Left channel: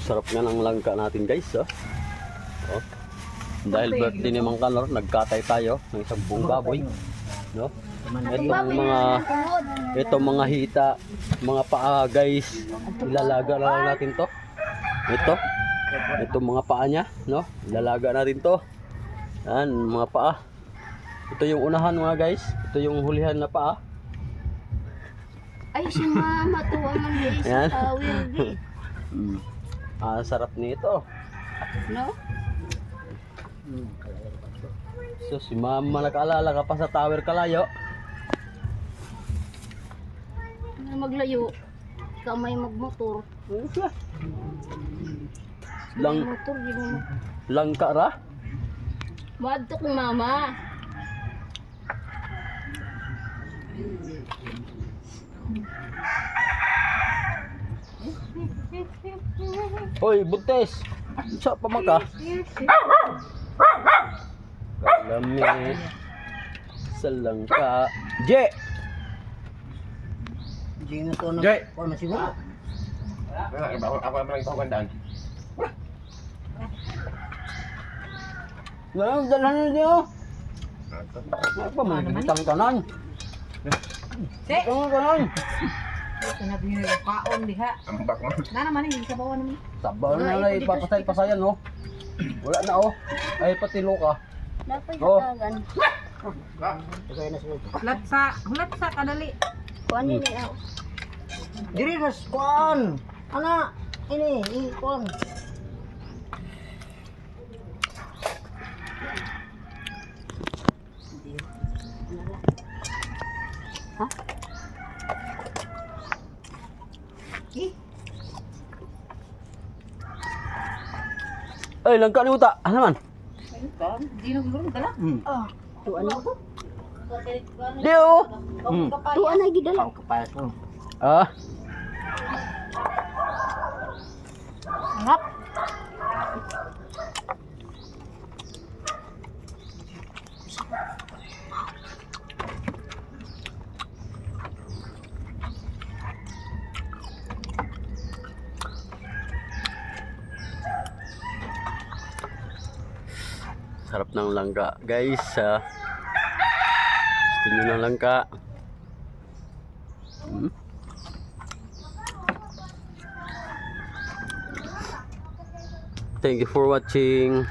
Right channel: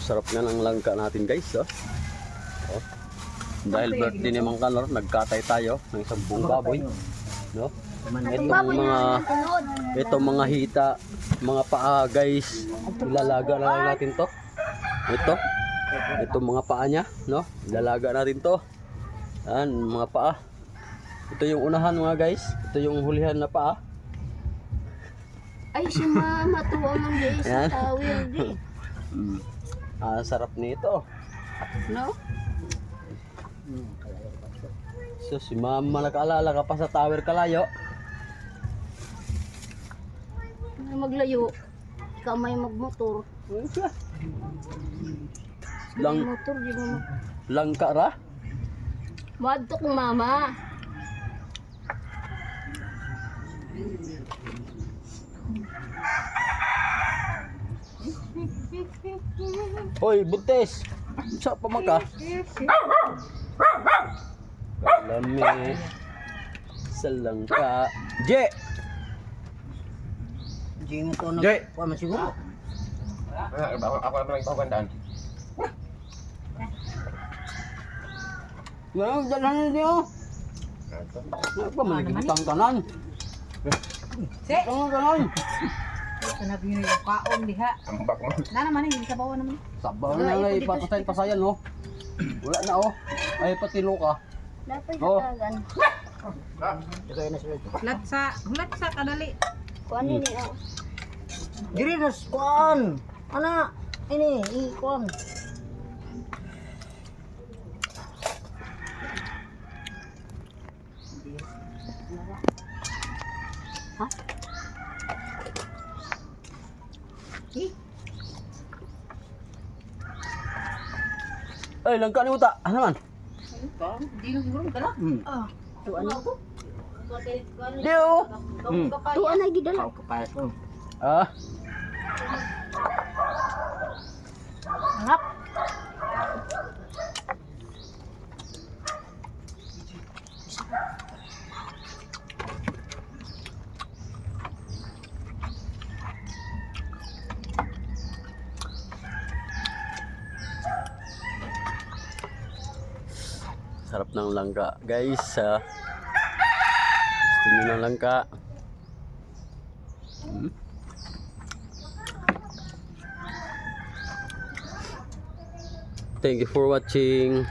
Sarap nga ng langka natin guys. Oh. Oh. Dahil birthday ni Mang Kanor, nagkatay tayo ng isang buong baboy. No? Itong mga hita, mga paa guys, ilalaga na lang natin to. Itong mga paa niya, no? Ilalaga na rin to. Yan, mga paa. Ito yung unahan mga guys. Ito yung hulihan na paa. Ay, si mama tuwa man guys sa tawil di. Sarap nito. No? So si mama nakaalala ka pa sa tower kalayo. Maglayo. Ikaw may magmotor. Lang Motor di mo. langka ra. Madto kong mama. Hoy, buntes. Sa pamaka. Kalami. Sa langka. Je. Hindi mo to Jay! na masiguro. Ako naman ito gandaan. Ngayon, dalhan na niyo. Ano pa, manigitang tanan. Itang tanan. Ito na bin yung kaon diha. Ambak mo. Na naman yung sabaw naman. Sabaw na na ipapasay-pasayan, no? Wala na, oh. Ay, patilo ka. Dapat Oh. katagan. Ito na sila. Hulat sa kadali. Kuan ni ako. Diri na kuan. Ana, ini kuan. Ha? Ay, langka ni uta. Ano man? Di nang gulong dala. Tuan ako. Di, oh. Tuan na gidala. Ang kapayas mo. Ah, Hanap. sarap ng langka. Guys, gusto nyo ng langka. Thank you for watching.